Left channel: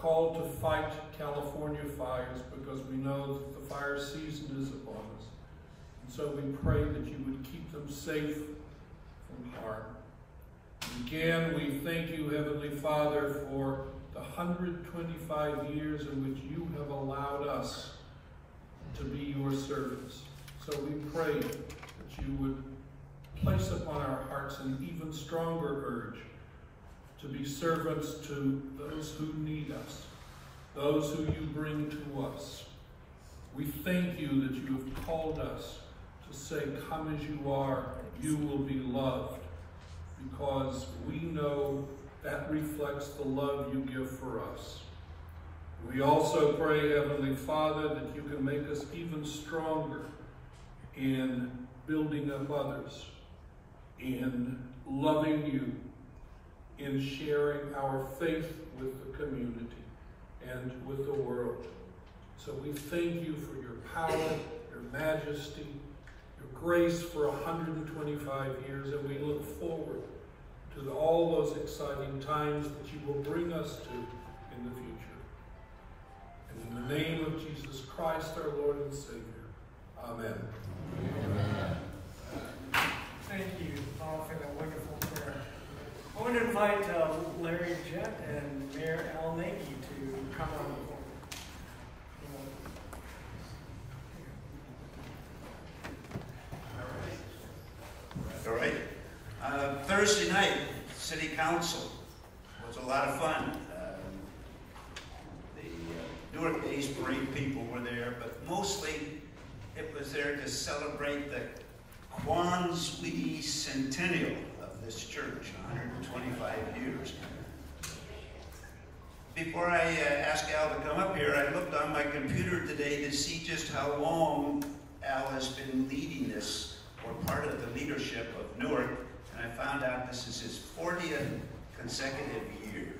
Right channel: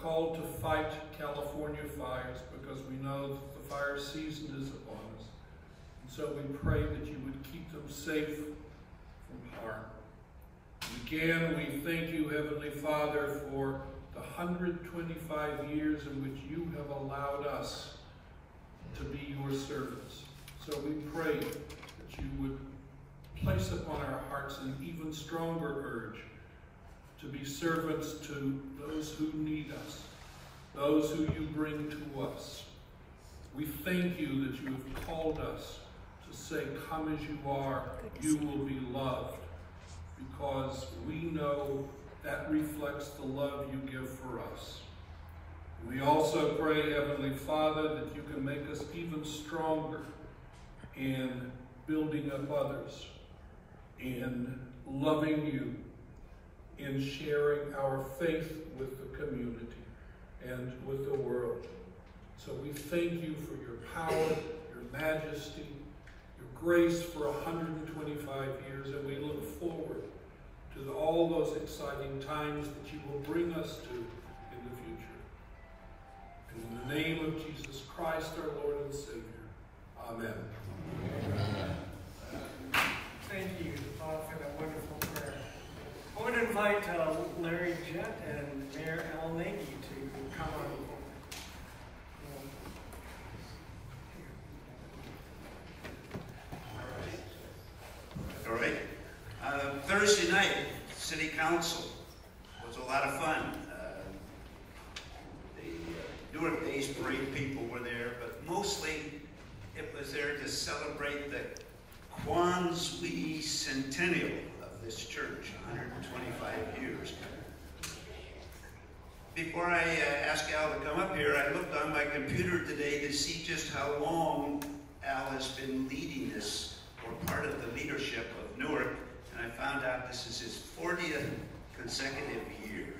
called to fight California fires because we know that the fire season is upon us. And so we pray that you would keep them safe from harm. And again, we thank you, Heavenly Father, for the 125 years in which you have allowed us to be your servants. So we pray that you would place upon our hearts an even stronger urge to be servants to those who need us, those who you bring to us. We thank you that you have called us to say, come as you are, you will be loved, because we know that reflects the love you give for us. We also pray, Heavenly Father, that you can make us even stronger in building up others, in loving you, in sharing our faith with the community and with the world. So we thank you for your power, your majesty, your grace for 125 years, and we look forward to all those exciting times that you will bring us to in the future. And in the name of Jesus Christ, our Lord and Savior, amen. Thank you, Bob, for that wonderful prayer. I'm going to invite Larry Jett and Mayor Al Nagy to come on the board. All right. Thursday night, City Council was a lot of fun. The Newark Days Parade people were there, but mostly it was there to celebrate the Quanzui Centennial of this church, 125 years. Before I ask Al to come up here, I looked on my computer today to see just how long Al has been leading this, or part of the leadership of Newark, and I found out this is his 40th consecutive year.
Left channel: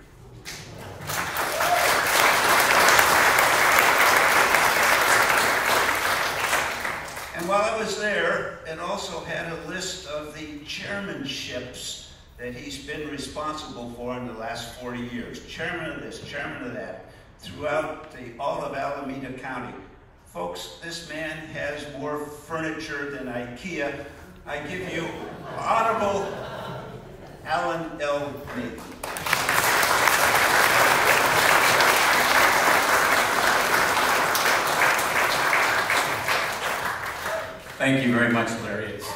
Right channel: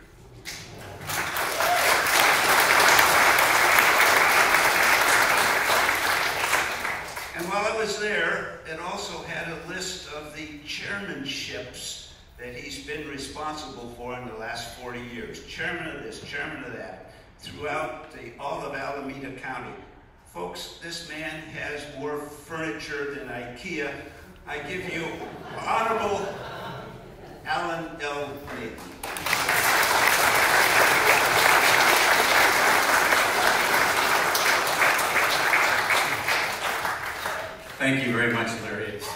And while I was there, it also had a list of the chairmanships that he's been responsible for in the last 40 years. Chairman of this, chairman of that, throughout all of Alameda County. Folks, this man has more furniture than IKEA. I give you Honorable Alan L. Nagy. Thank you very much, Larry. It's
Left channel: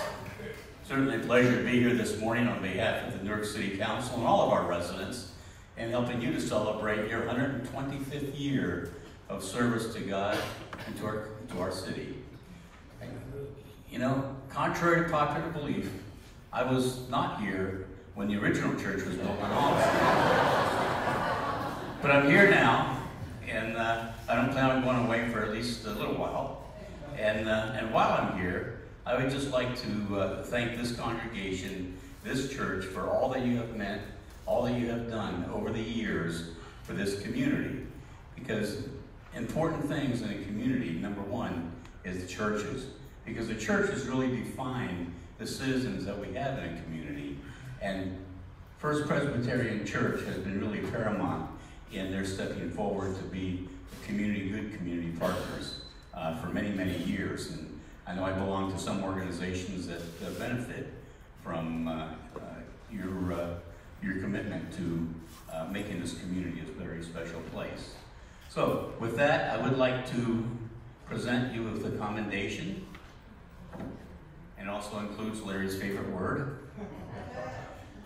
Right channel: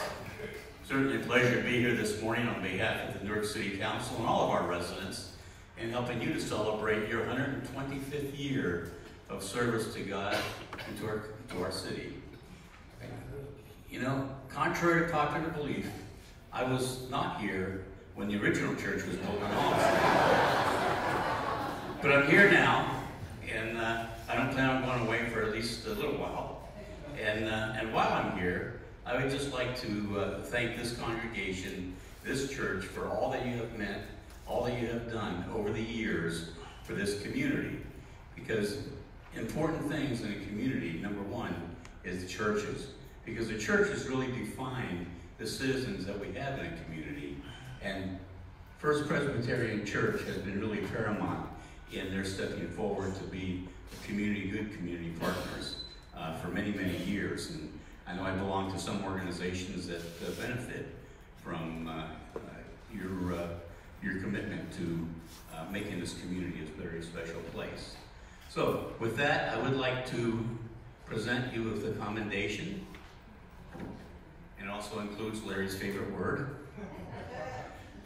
certainly a pleasure to be here this morning on behalf of the Newark City Council and all of our residents, and helping you to celebrate your 125th year of service to God and to our city. You know, contrary to popular belief, I was not here when the original church was built on Olive. But I'm here now, and I don't plan on going away for at least a little while. And while I'm here, I would just like to thank this congregation, this church, for all that you have meant, all that you have done over the years for this community. Because important things in a community, number one, is the churches. Because the churches really define the citizens that we have in a community. And First Presbyterian Church has been really paramount in their stepping forward to be good community partners for many, many years. And I know I belong to some organizations that benefit from your commitment to making this community a very special place. So with that, I would like to present you with a commendation, and also includes Larry's favorite word.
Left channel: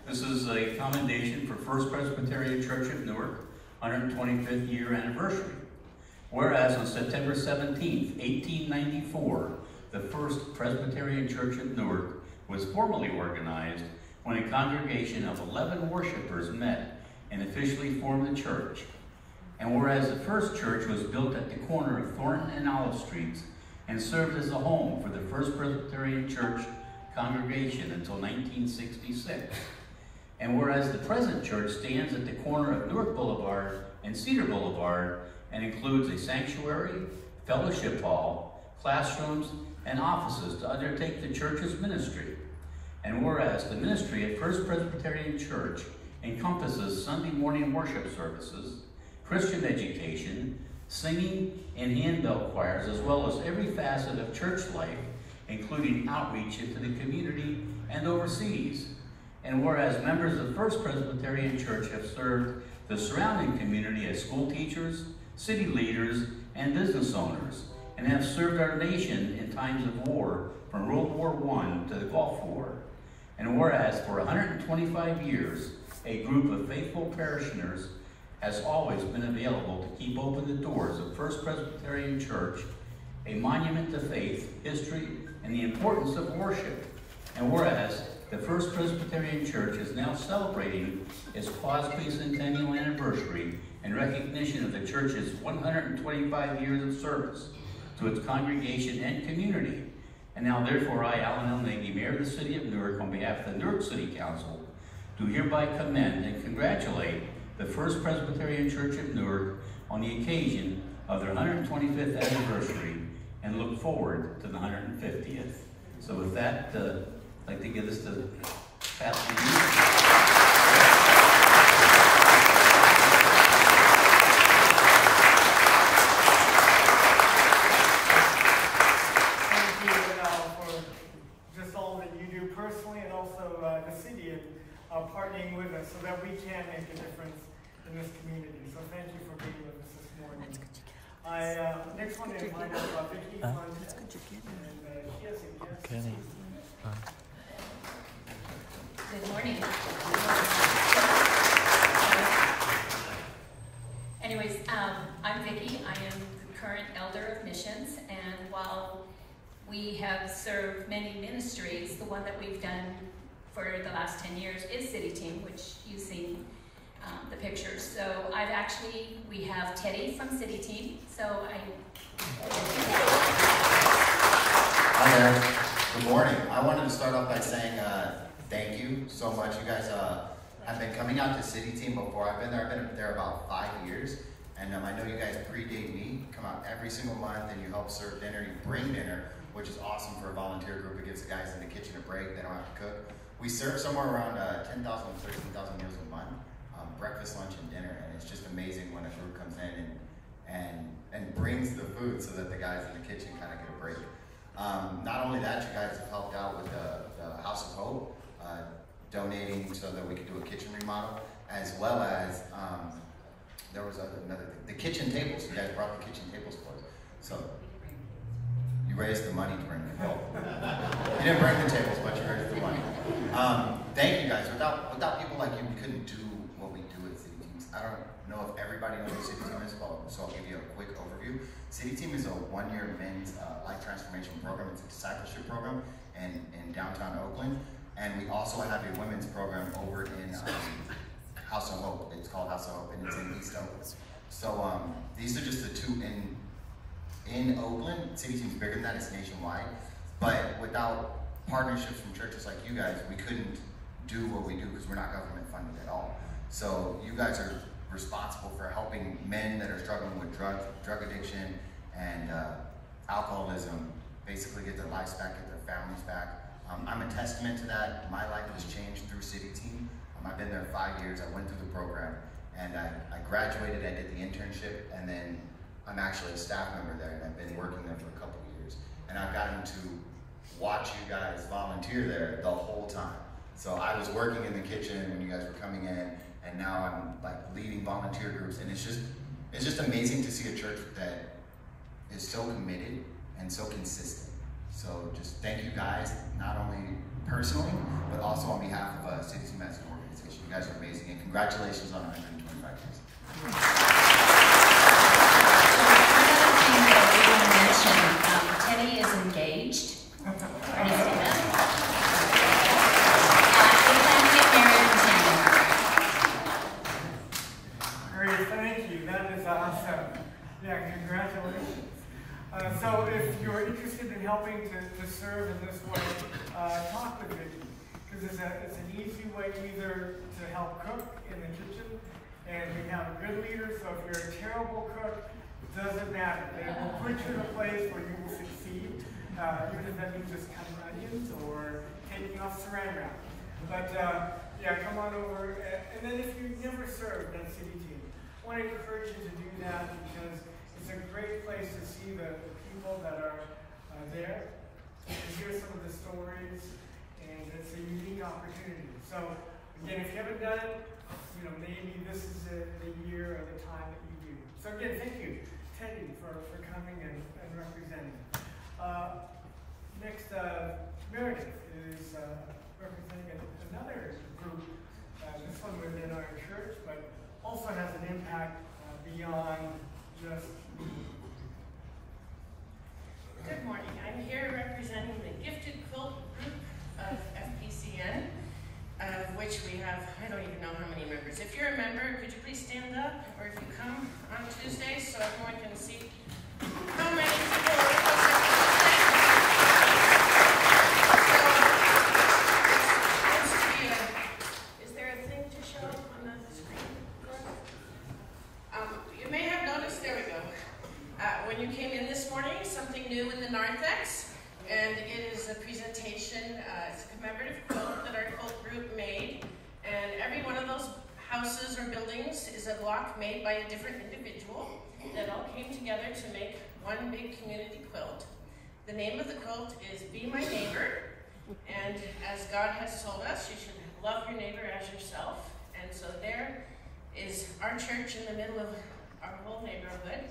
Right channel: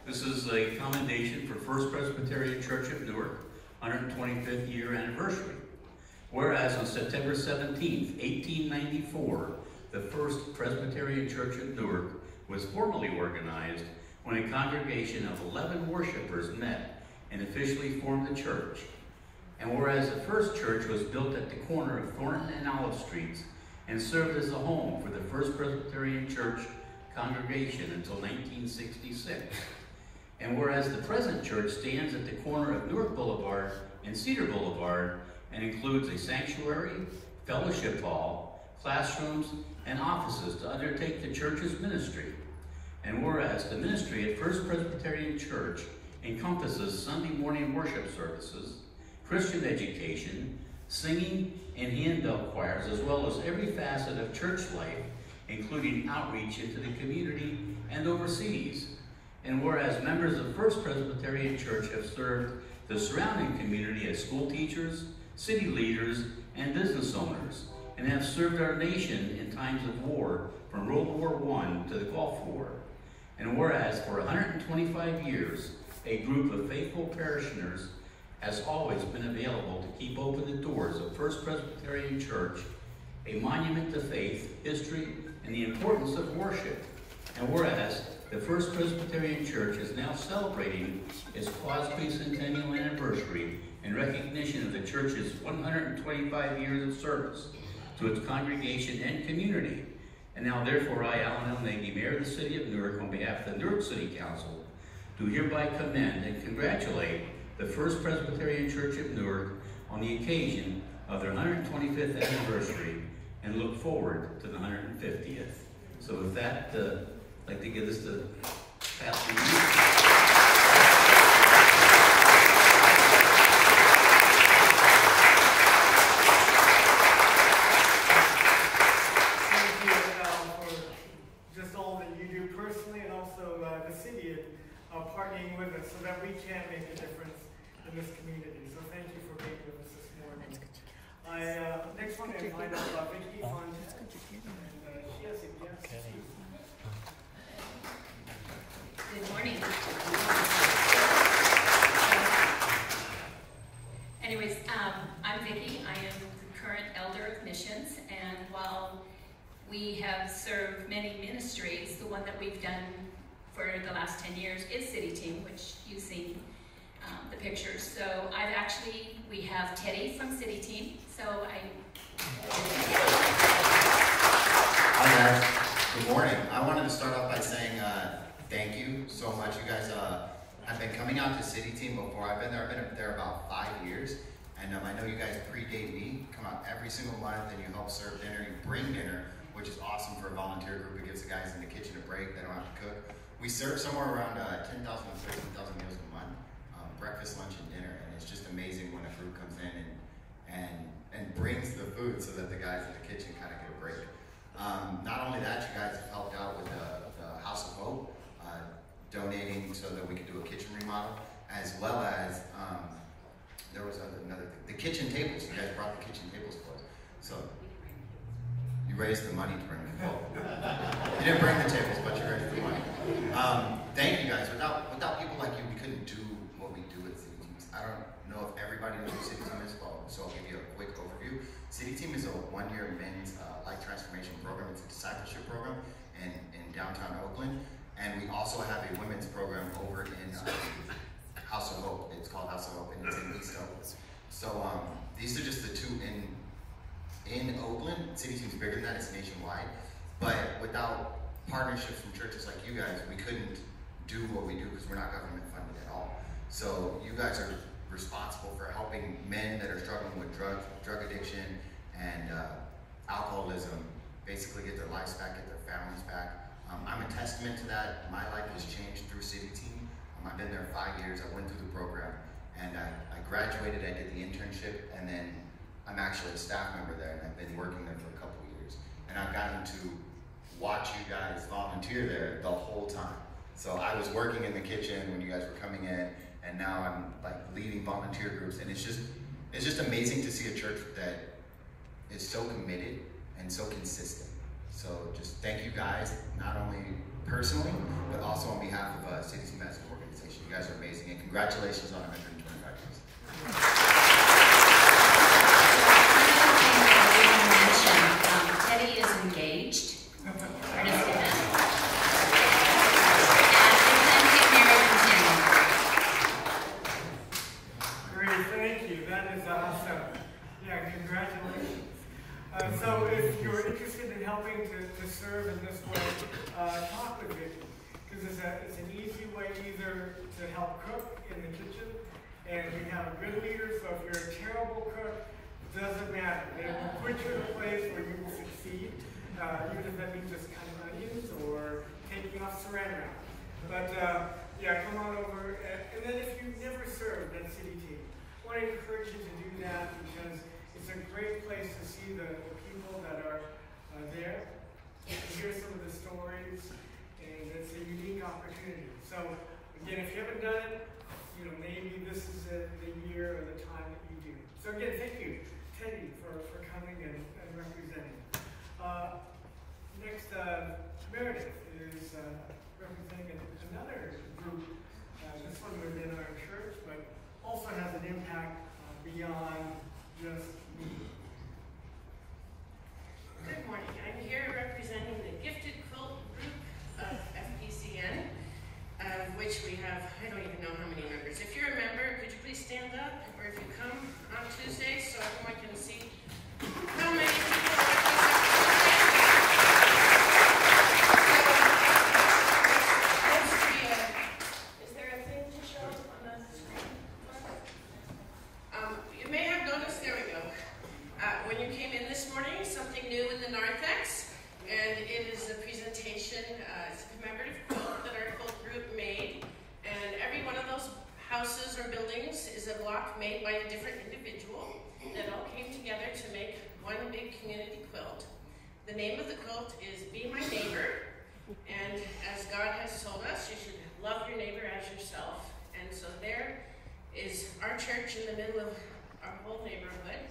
This is a commendation for First Presbyterian Church of Newark, 125th year anniversary. Whereas on September 17th, 1894, the First Presbyterian Church of Newark was formally organized when a congregation of 11 worshipers met and officially formed the church. And whereas the first church was built at the corner of Thornton and Olive Streets and served as a home for the First Presbyterian Church congregation until 1966. And whereas the present church stands at the corner of Newark Boulevard and Cedar Boulevard and includes a sanctuary, fellowship hall, classrooms, and offices to undertake the church's ministry. And whereas the ministry at First Presbyterian Church encompasses Sunday morning worship services, Christian education, singing, and handbell choirs, as well as every facet of church life, including outreach into the community and overseas. And whereas members of First Presbyterian Church have served the surrounding community as school teachers, city leaders, and business owners, and have served our nation in times of war from World War I to the Gulf War. And whereas for 125 years, a group of faithful parishioners has always been available to keep open the doors of First Presbyterian Church, a monument to faith, history, and the importance of worship. And whereas the First Presbyterian Church is now celebrating its quadricentennial anniversary in recognition of the church's 125 years of service to its congregation and community. And now therefore I, Alan L. Nagy, Mayor of the City of Newark, on behalf of the Newark City Council, do hereby commend and congratulate the First Presbyterian Church of Newark on the occasion of their 125th anniversary and look forward to the 150th. So with that, I'd like to give this to Pastor Lee. Partnering with us so that we can make a difference in this community. So thank you for being with us this morning. I next one to invite us Vicki on, and she has a guest. Good morning. Anyways, I'm Vicki. I am the current elder of missions, and while we have served many ministries, the one that we've done for the last 10 years is City Team, which you've seen the pictures. So we have Teddy from City Team. So Hi there. Good morning. I wanted to start off by saying thank you so much. You guys have been coming out to City Team before. I've been there about 5 years. And I know you guys predate me. Come out every single month and you help serve dinner. You bring dinner, which is awesome for a volunteer group. It gives the guys in the kitchen a break. They don't have to cook. We serve somewhere around 10,000 to 13,000 meals a month, breakfast, lunch, and dinner, and it's just amazing when a group comes in and brings the food so that the guys in the kitchen kind of get a break. Not only that, you guys have helped out with the House of Hope, donating so that we could do a kitchen remodel, as well as there was another thing, the kitchen tables. You guys brought the kitchen tables for us, so you raised the money to bring them. Well, you didn't bring the tables, but you raised the money. Thank you guys. Without people like you, we couldn't do what we do at City Team. I don't know if everybody knows what City Team is, so I'll give you a quick overview. City Team is a one-year men's life transformation program. It's a discipleship program in downtown Oakland. And we also have a women's program over in House of Hope. It's called House of Hope, and it's in East Oakland. So these are just the two in Oakland. City Team is bigger than that. It's nationwide. But without partnerships from churches like you guys, we couldn't do what we do because we're not government funded at all. So you guys are responsible for helping men that are struggling with drug addiction and alcoholism basically get their lives back, get their families back. I'm a testament to that. My life has changed through City Team. I've been there 5 years. I went through the program and I graduated. I did the internship, and then I'm actually a staff member there, and I've been working there for a couple of years. And I've gotten to watch you guys volunteer there the whole time. So I was working in the kitchen when you guys were coming in, and now I'm like leading volunteer groups, and it's just amazing to see a church that is so committed and so consistent. So just thank you guys, not only personally, but also on behalf of City Team as an organization. You guys are amazing, and congratulations on 125 years. Teddy is engaged. Great, thank you. That is awesome. Yeah, congratulations. So if you're interested in helping to serve in this way, talk with Vicki, because it's an easy way either to help cook in the kitchen, and we have a good leader, so if you're a terrible cook, it doesn't matter. They will put you in a place where you will succeed, even if that means just cutting onions or taking off saran wrap. But yeah, come on over. And then if you've never served at City Team, I want to encourage encourage you to do that because it's a great place to see the people that are there, to hear some of the stories, and it's a unique opportunity. So, again, if you haven't done it, maybe this is the year or the time that you do. So again, thank you, Teddy, for coming and representing. Next, Meredith is representing another group, this one within our church, but also has an impact beyond just music. Good morning. I'm here representing the Gifted Quilt Group of FPCN, of which we have, I don't even know how many members. If you're a member, could you please stand up? Or if you come on Tuesday so everyone can see how many people are representing today. Is there a thing to show on the screen? You may have noticed, there we go. When you came in this morning, something new in the narthex, and it is a presentation, it's a commemorative quilt that our quilt group made, and every one of those houses or buildings is a block made by a different individual that all came together to make one big community quilt. The name of the quilt is Be My Neighbor, and as God has told us, you should love your neighbor as yourself, and so there is our church in the middle of our whole neighborhood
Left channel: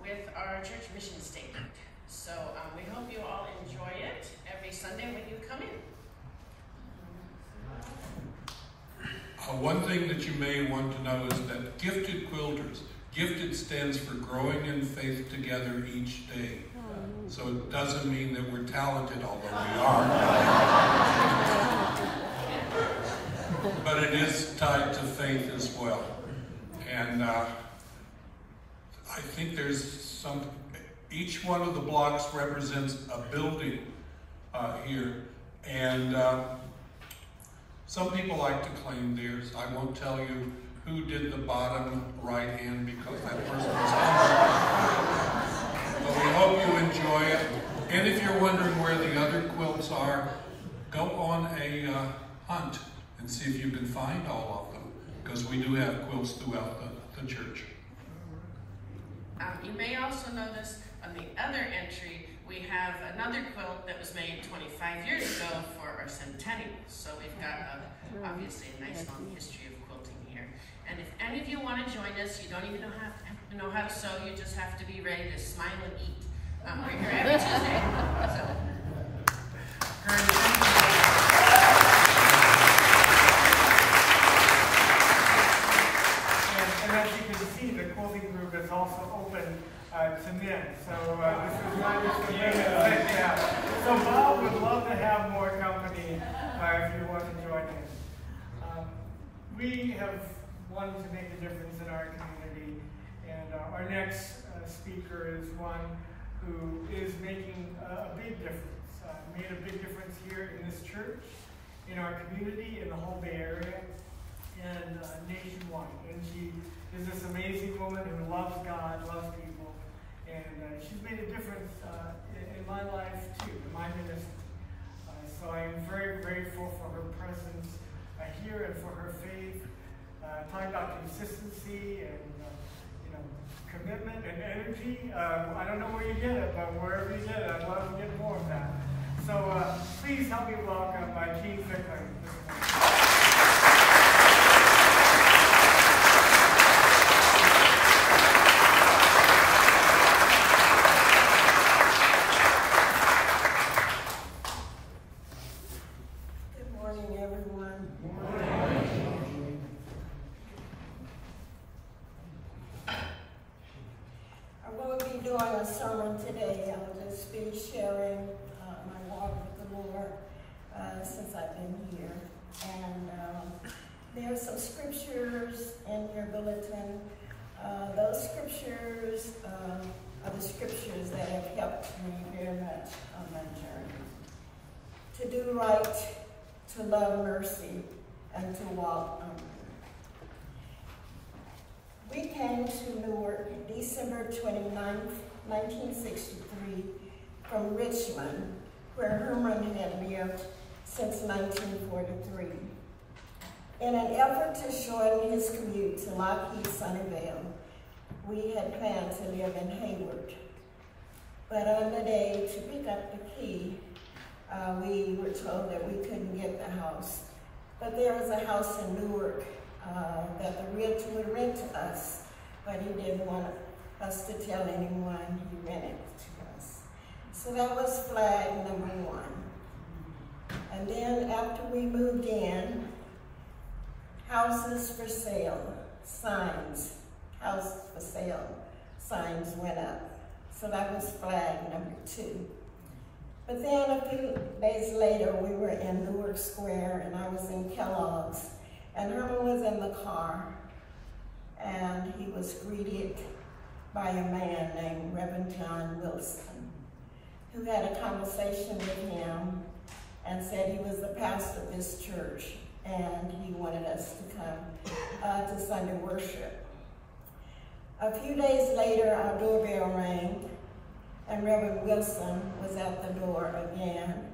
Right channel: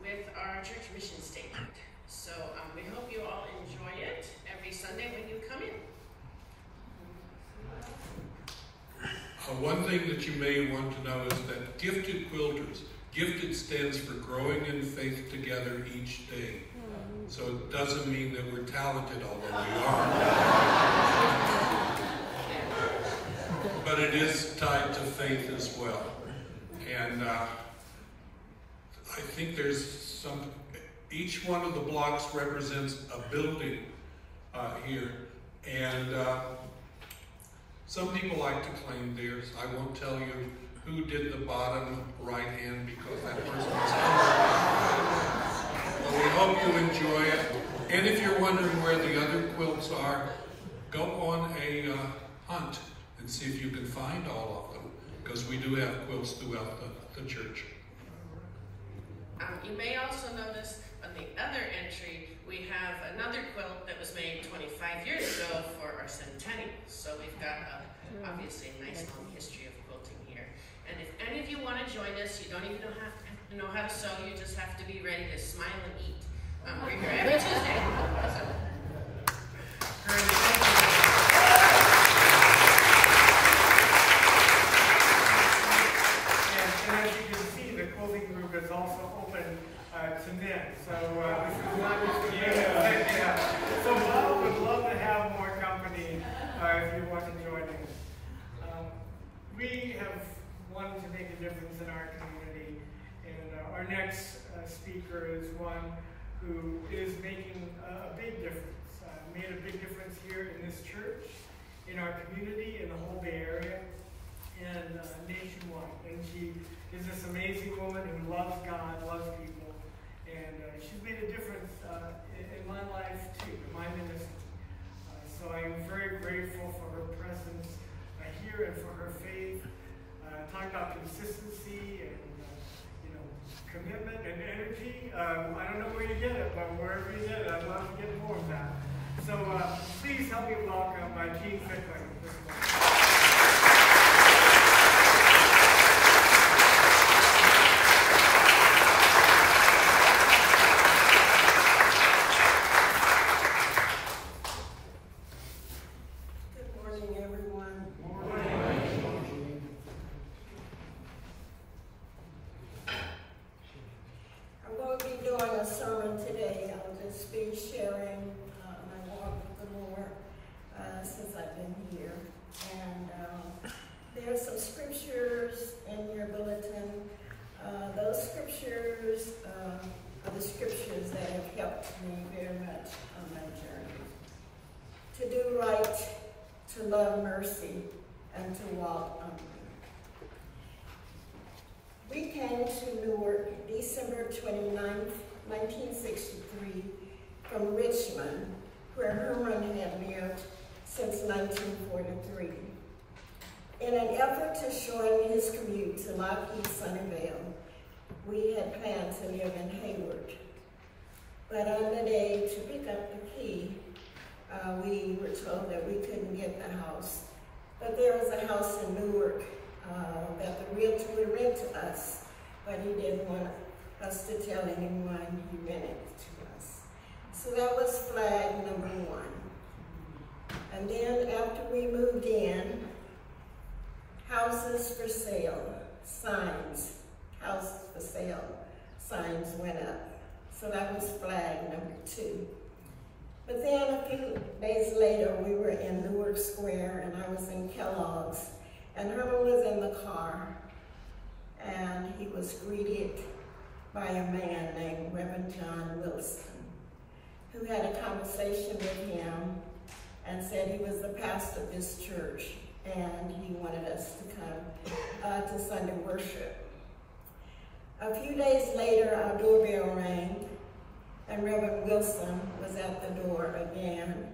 with our church mission statement. So we hope you all enjoy it every Sunday when you come in. One thing that you may want to know is that gifted quilters, gifted stands for growing in faith together each day. So it doesn't mean that we're talented, although we are. But it is tied to faith as well. And I think there's each one of the blocks represents a building here. And some people like to claim theirs. I won't tell you who did the bottom right hand because that person is on. But we hope you enjoy it. And if you're wondering where the other quilts are, go on a hunt and see if you can find all of them, because we do have quilts throughout the church. You may also notice on the other entry, we have another quilt that was made 25 years ago for our centennial. So we've got obviously a nice long history of quilting here. And if any of you want to join us, you don't even have to know how to sew, you just have to be ready to smile and eat. We're here every Tuesday. And as you can see, the quilting group is also open to men. So this is not just a men. So Bob would love to have more company if you want to join in. We have wanted to make a difference in our community, and our next speaker is one who is making a big difference, made a big difference here in this church, in our community, in the whole Bay Area, and nationwide. And she is this amazing woman who loves God, loves people, and she's made a difference in my life too, in my ministry. So I am very grateful for her presence here and for her faith. Talking about consistency and commitment and energy. I don't know where you get it, but wherever you get it, I'd love to get more of that. So please help me welcome Gene Fickler. Today, I'll just be sharing my walk with the Lord since I've been here. And there are some scriptures in your bulletin. Those scriptures are the scriptures that have helped me very much on my journey. To do right, to love mercy, and to walk humbly. We came to Newark December 29th, 1963, from Richmond, where Herman had lived since 1943. In an effort to shorten his commute to Lockheed Sunnyvale, we had planned to live in Hayward. But on the day to pick up the key, we were told that we couldn't get the house. But there was a house in Newark that the realtor would rent to us, but he didn't want us to tell anyone he rented it to us. So that was flag number 1. And then after we moved in, houses for sale, signs, house for sale, signs went up. So that was flag number 2. But then a few days later, we were in Newark Square, and I was in Kellogg's, and Herman was in the car, and he was greeted by a man named Reverend John Wilson, who had a conversation with him and said he was the pastor of this church, and he wanted us to come to Sunday worship. A few days later, our doorbell rang, and Reverend Wilson was at the door again,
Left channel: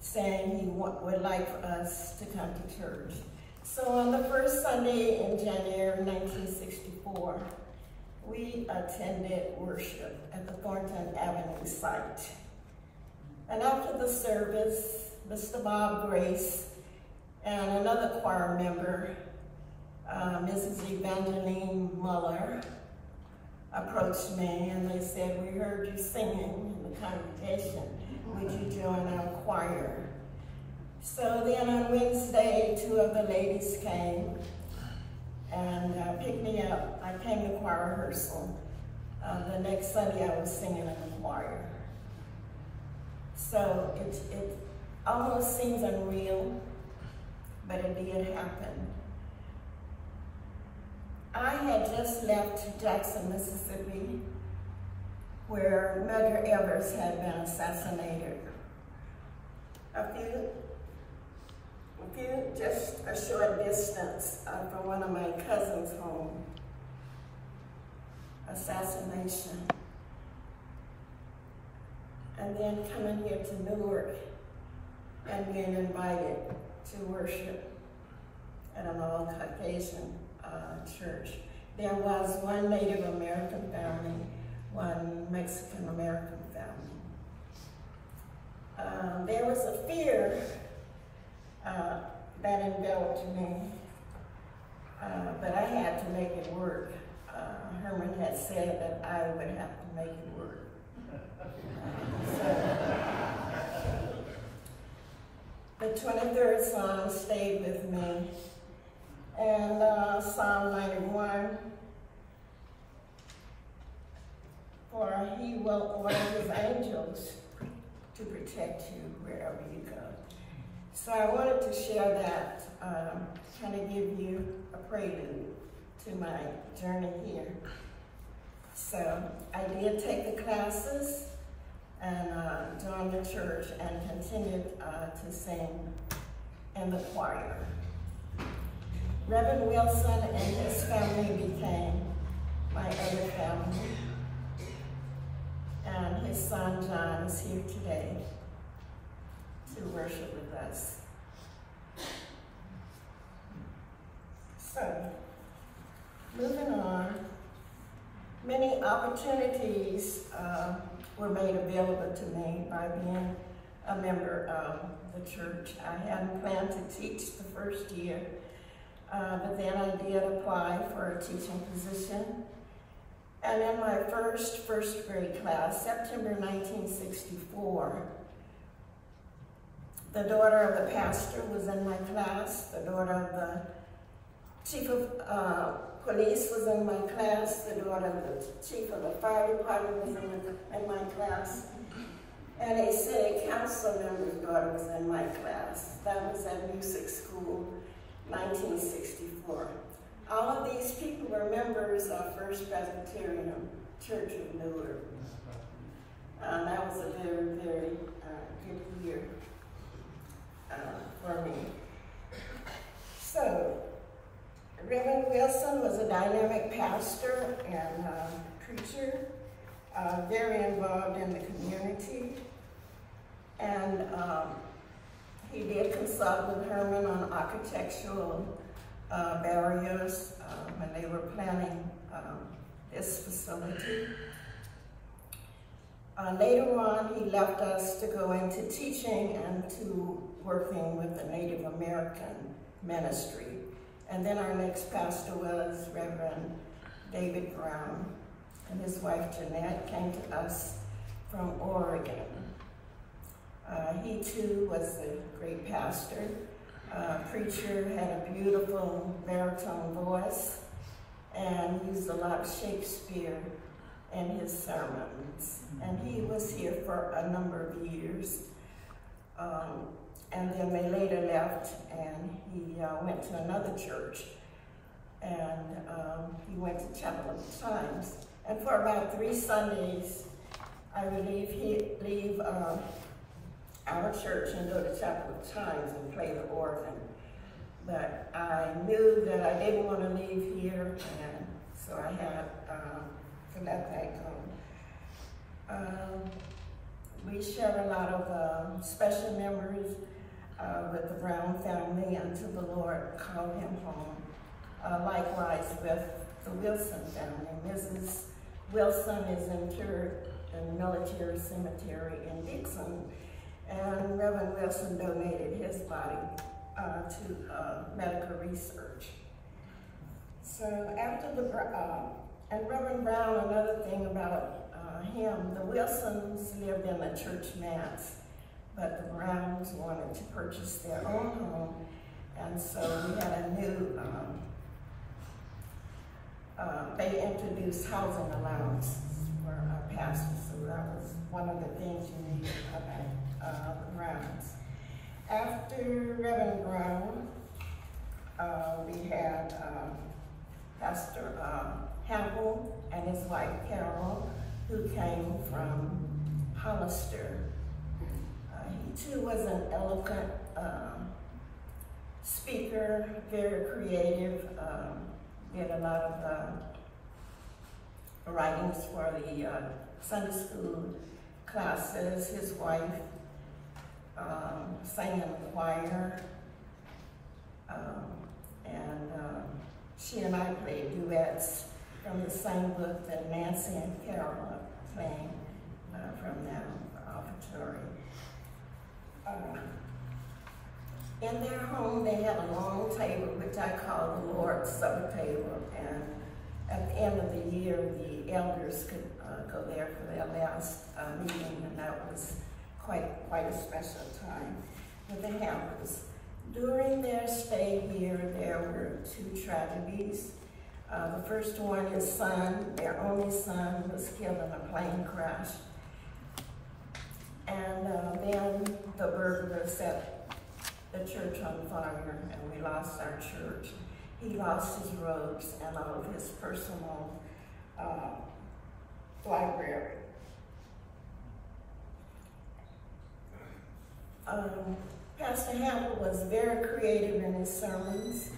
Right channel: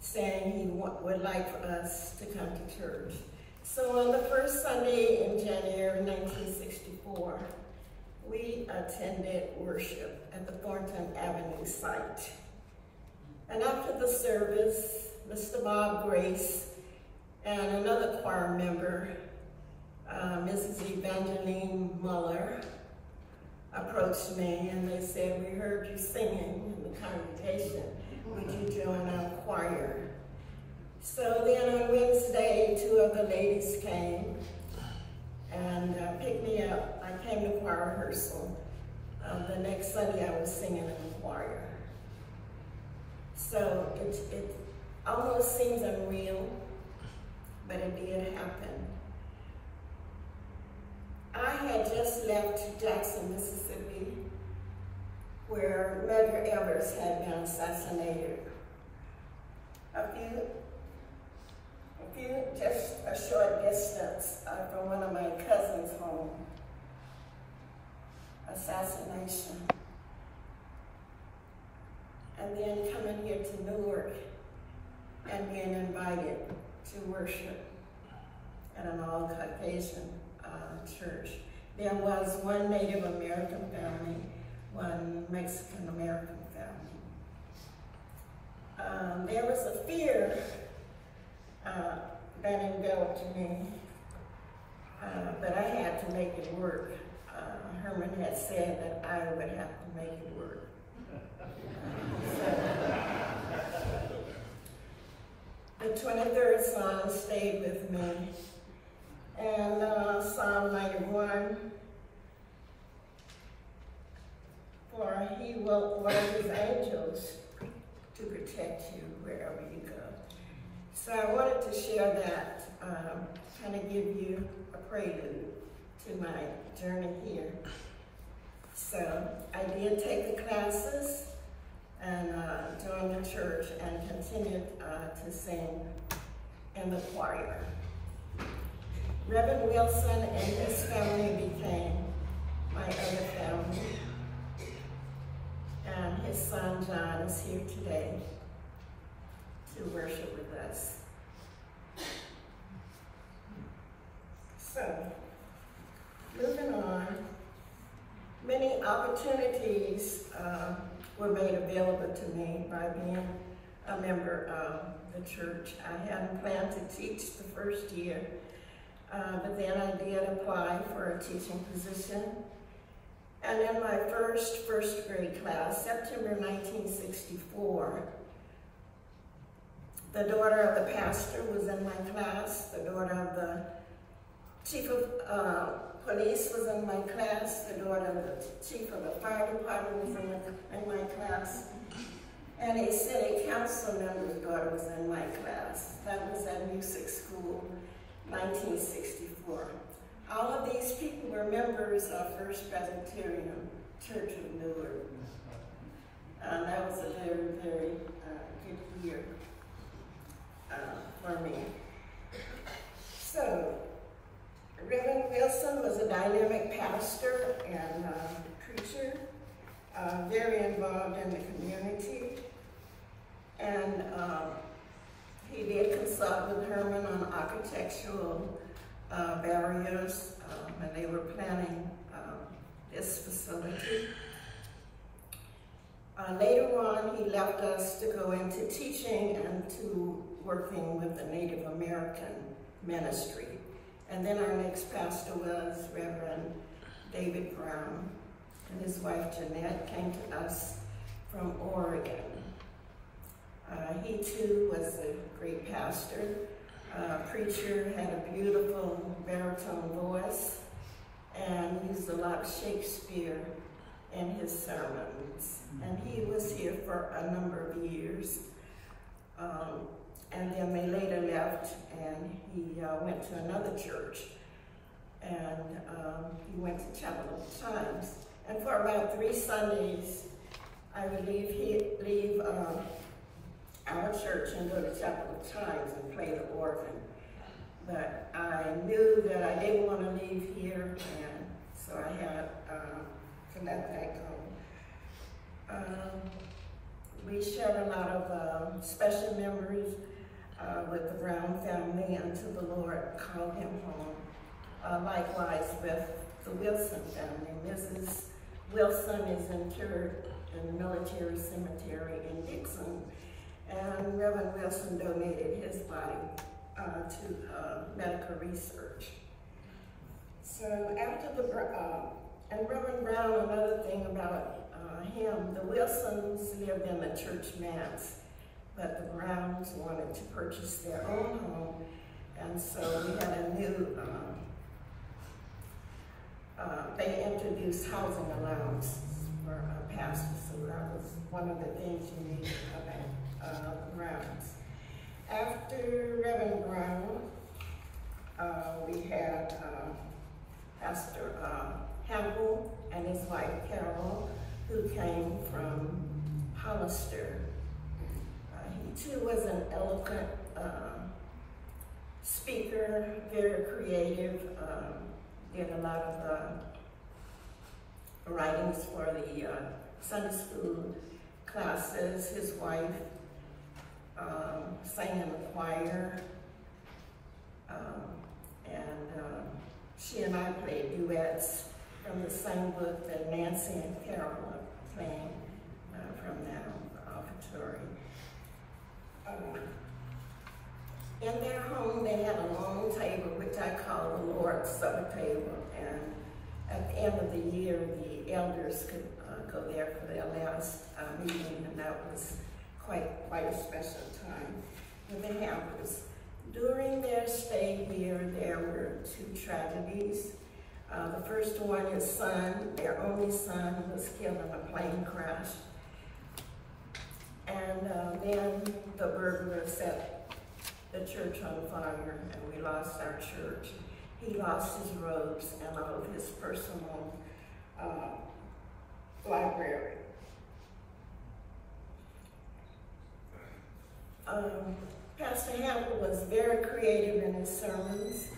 saying he would like for us to come to church. So on the first Sunday in January 1964, we attended worship at the Thornton Avenue site. And after the service, Mr. Bob Grace and another choir member, Mrs. Evangeline Muller, approached me and they said, "We heard you singing in the congregation. Would you join our choir?" So then on Wednesday, 2 of the ladies came and picked me up. I came to choir rehearsal. The next Sunday I was singing in the choir. So it almost seems unreal, but it did happen. I had just left Jackson, Mississippi, where Medgar Evers had been assassinated. Just a short distance from one of my cousin's home. Assassination. And then coming here to Newark and being invited to worship at an all-Caucasian church. There was one Native American family, one Mexican American family. There was a fear that enveloped me, but I had to make it work. Herman had said that I would have to make it work. The 23rd Psalm stayed with me, and Psalm 91, for he will order his angels to protect you wherever you go. So I wanted to share that, kind of give you a prelude to my journey here. So I did take the classes and joined the church and continued to sing in the choir. Reverend Wilson and his family became my other family. And his son John is here today to worship with us. So, moving on, many opportunities were made available to me by being a member of the church. I hadn't planned to teach the first year, but then I did apply for a teaching position. And in my first grade class, September 1964, the daughter of the pastor was in my class, the daughter of the chief of police was in my class, the daughter of the chief of the fire department was in my class, and a city council member's daughter was in my class. That was at music school, 1964. All of these people were members of First Presbyterian Church of Newark. That was a very, very good year for me. So, Reverend Wilson was a dynamic pastor and preacher, very involved in the community. And he did consult with Herman on architectural barriers when they were planning this facility. Later on, he left us to go into teaching and to working with the Native American ministry. And then our next pastor was Reverend David Brown, and his wife Jeanette came to us from Oregon. He too was a great pastor, preacher, had a beautiful baritone voice, and used a lot of Shakespeare in his sermons. And he was here for a number of years. And then they later left, and he went to another church. And he went to Chapel of the Chimes. And for about 3 Sundays, I would leave our church and go to Chapel of Chimes and play the organ. But I knew that I didn't want to leave here, and so I had to let that go. We shared a lot of special memories with the Brown family until the Lord called him home. Likewise with the Wilson family. Mrs. Wilson is interred in the military cemetery in Dixon, and Reverend Wilson donated his body to medical research. So after and Reverend Brown, another thing about him, the Wilsons lived in the church manse, but the Browns wanted to purchase their own home, and so we had a new, they introduced housing allowance for pastors, so that was one of the things you need about the Browns. After Reverend Brown, we had Pastor Hamble and his wife Carol, who came from Hollister. He too was an eloquent speaker, very creative, did a lot of writings for the Sunday school classes. His wife sang in the choir, and she and I played duets from the same book that Nancy and Carol are playing from that offertory. In their home, they had a long table, which I call the Lord's Supper table, and at the end of the year, the elders could go there for their last meeting, and that was quite a special time with the Hampers. During their stay here, there were 2 tragedies. The first one, his son, their only son, was killed in a plane crash. And then the burglar set the church on fire, and we lost our church. He lost his robes and all of his personal library. Pastor Hamble was very creative in his sermons,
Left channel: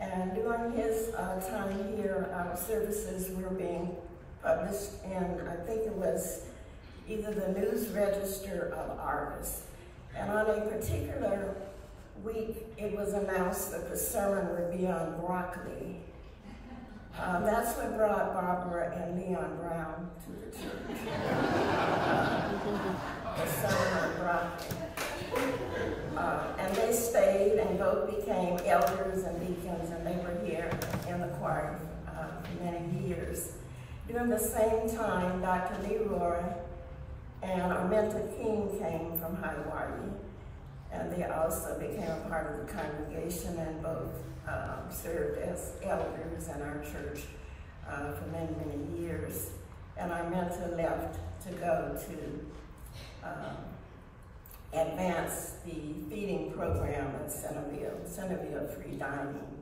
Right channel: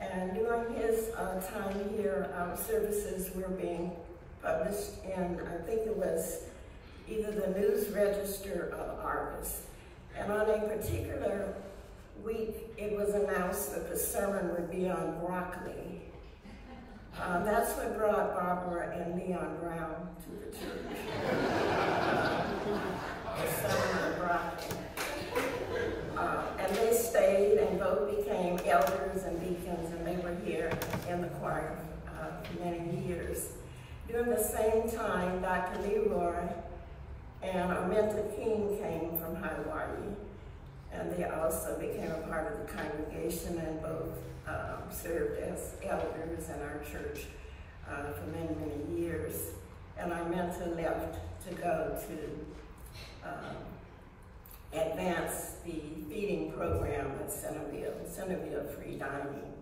and during his time here, our services were being published in, I think it was either the News Register or Argus. And on a particular week, it was announced that the sermon would be on broccoli. That's what brought Barbara and Leon Brown to the church. The sermon on broccoli. And they stayed and both became elders and deacons, and they were here in the choir for many years. During the same time, Dr. Leroy and Arminta King came from Hawaii, and they also became a part of the congregation and both served as elders in our church for many, many years. And Arminta left to go to advance the feeding program at Centerville Free Dining.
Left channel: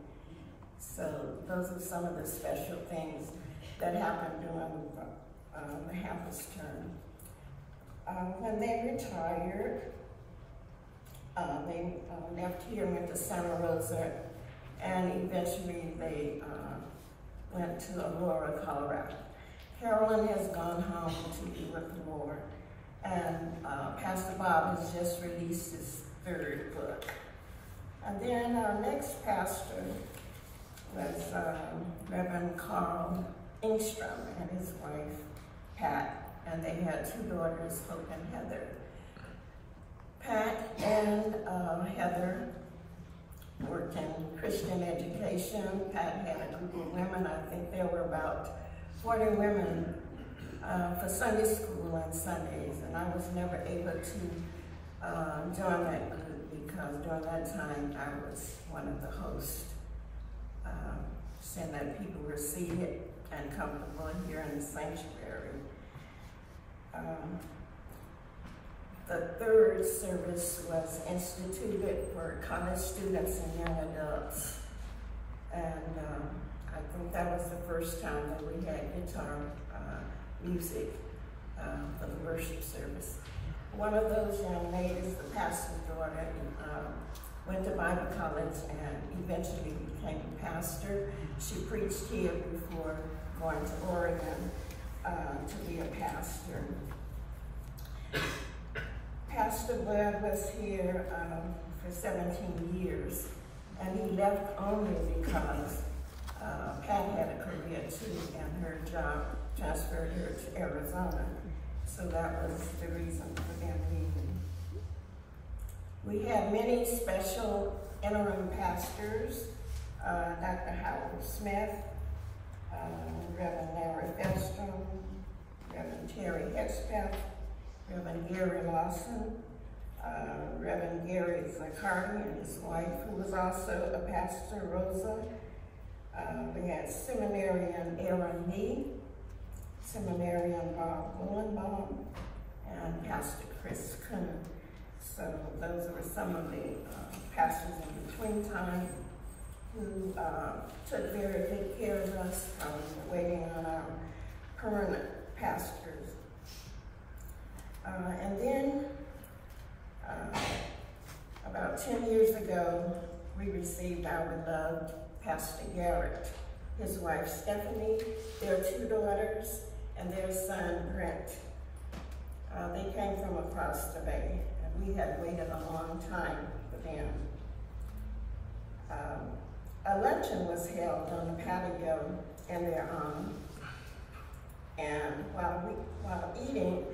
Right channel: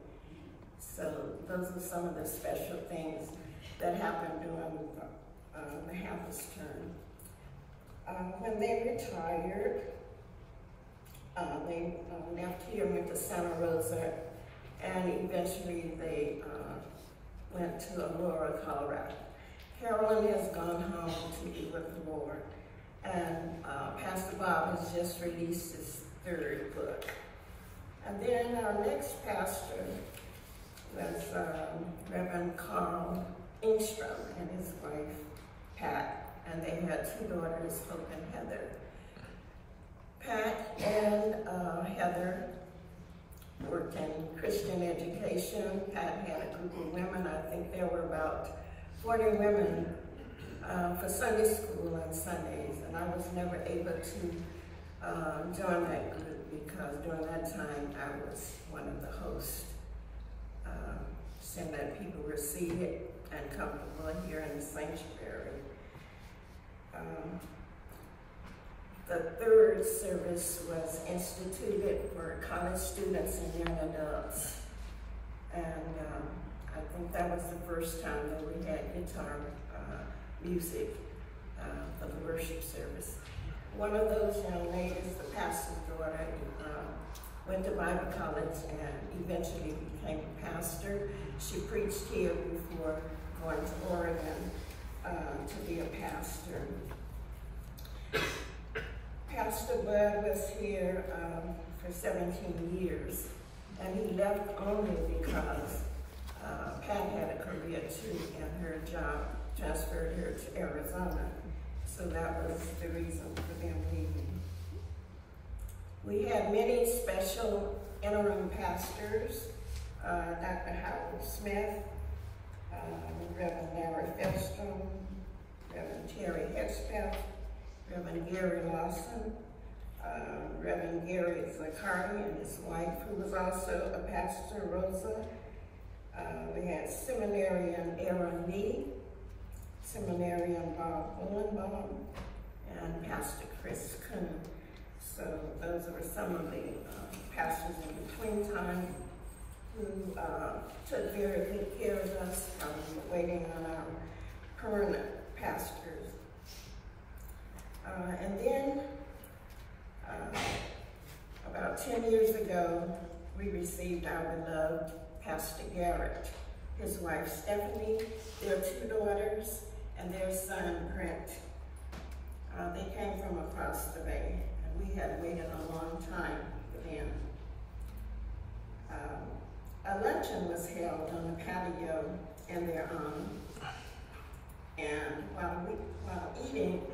So those are some of the special things that happened during the Hampus term. When they retired, they left here, went to Santa Rosa, and eventually they went to Aurora, Colorado. Carolyn has gone home to be with the Lord, and Pastor Bob has just released his 3rd book. And then our next pastor was Reverend Carl Engstrom and his wife, Pat, and they had 2 daughters, Hope and Heather. Pat and Heather worked in Christian education. Pat had a group of women. I think there were about 40 women for Sunday school on Sundays, and I was never able to join that group because during that time I was one of the hosts, saying that people were seated and comfortable here in the sanctuary. The 3rd service was instituted for college students and young adults. And I think that was the first time that we had guitar music for the worship service. One of those young ladies, the pastor's daughter, went to Bible college and eventually became a pastor. She preached here before going to Oregon to be a pastor. Pastor Bud was here for 17 years, and he left only because Pat had a career too, and her job transferred her to Arizona. So that was the reason for them leaving. We had many special interim pastors, Dr. Howard Smith, Reverend Larry Felstrom, Reverend Terry Hedgepeth, Reverend Gary Lawson, Reverend Gary Zaccardi and his wife, who was also a pastor, Rosa. We had Seminarian Aaron Lee, Seminarian Bob Willenbaum, and Pastor Chris Kuhn. So those were some of the pastors in between time who took very good care of us, waiting on our permanent pastors. And then, about 10 years ago, we received our beloved Pastor Garrett, his wife Stephanie, their 2 daughters, and their son Brent. They came from across the bay, and we had waited a long time for them. A luncheon was held on the patio in their honor, and while eating,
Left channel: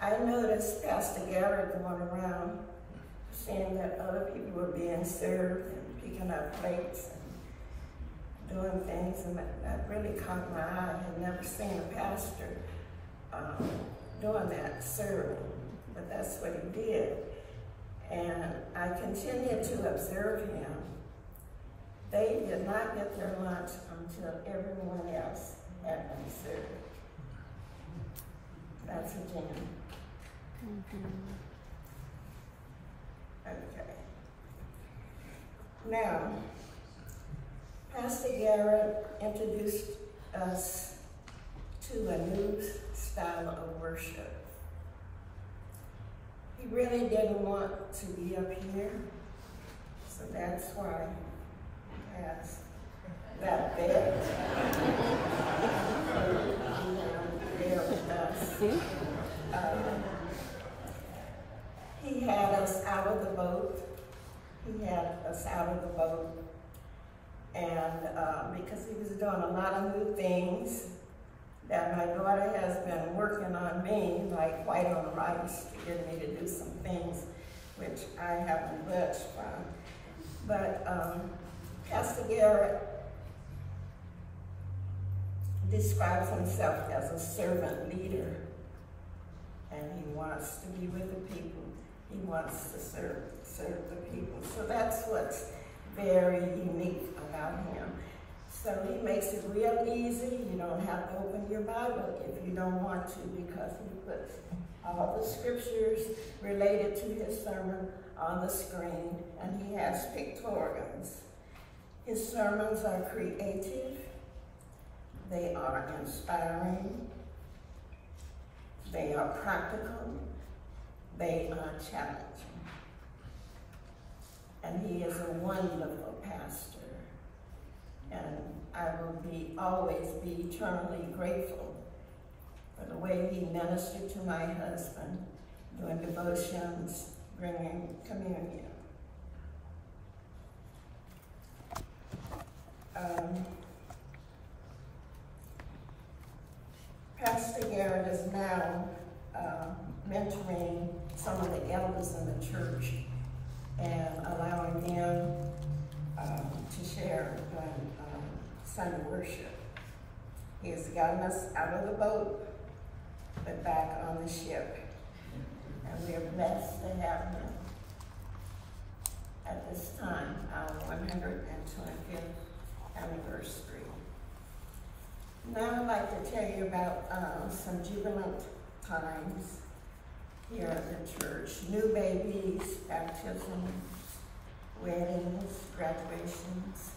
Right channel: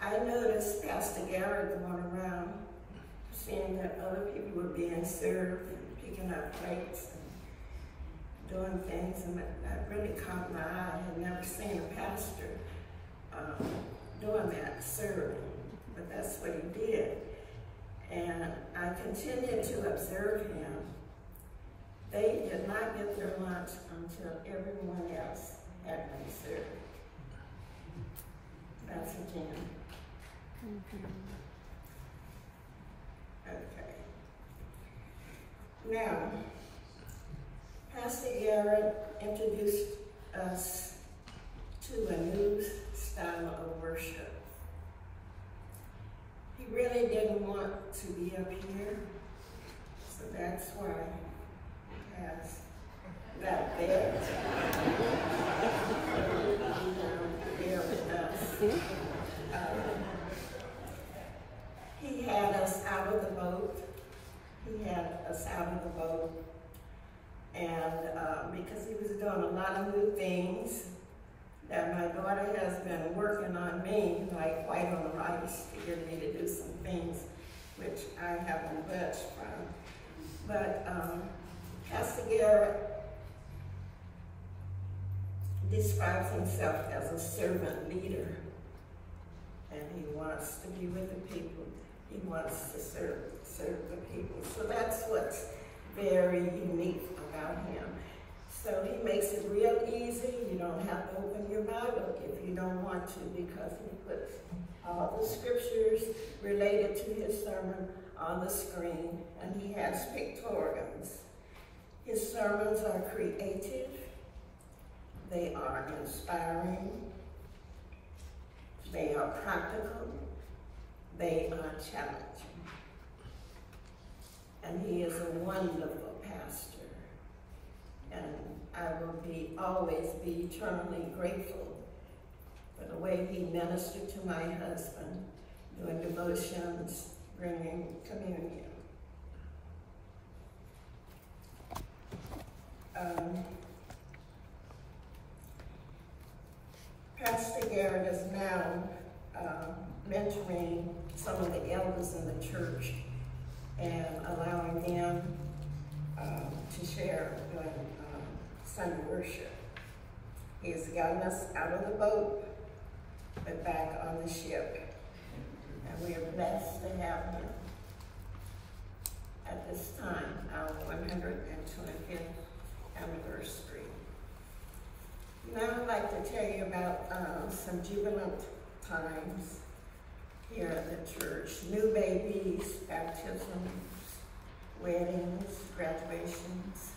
I noticed Pastor Garrett going around seeing that other people were being served and picking up plates and doing things, and that really caught my eye. I had never seen a pastor doing that, serving, but that's what he did. And I continued to observe him. They did not get their lunch until everyone else had been served. That's a gem. Okay. Now, Pastor Garrett introduced us to a new style of worship. He really didn't want to be up here, so that's why he has that bed there with us. He had us out of the boat. And because he was doing a lot of new things that my daughter has been working on me, like white on rice, to get me to do some things which I haven't budged from. But Pastor Garrett describes himself as a servant leader, and he wants to be with the people. He wants to serve the people. So that's what's very unique about him. So he makes it real easy. You don't have to open your Bible if you don't want to, because he puts all the scriptures related to his sermon on the screen, and he has pictorials. His sermons are creative, they are inspiring, they are practical, they are challenging. And he is a wonderful pastor. And I will always be eternally grateful for the way he ministered to my husband, doing devotions, bringing communion. Pastor Garrett is now mentoring some of the elders in the church and allowing them to share on Sunday worship. He has gotten us out of the boat, but back on the ship. And we are blessed to have him at this time, our 125th anniversary. Now I'd like to tell you about some jubilant times here at the church. New babies, baptisms, weddings, graduations,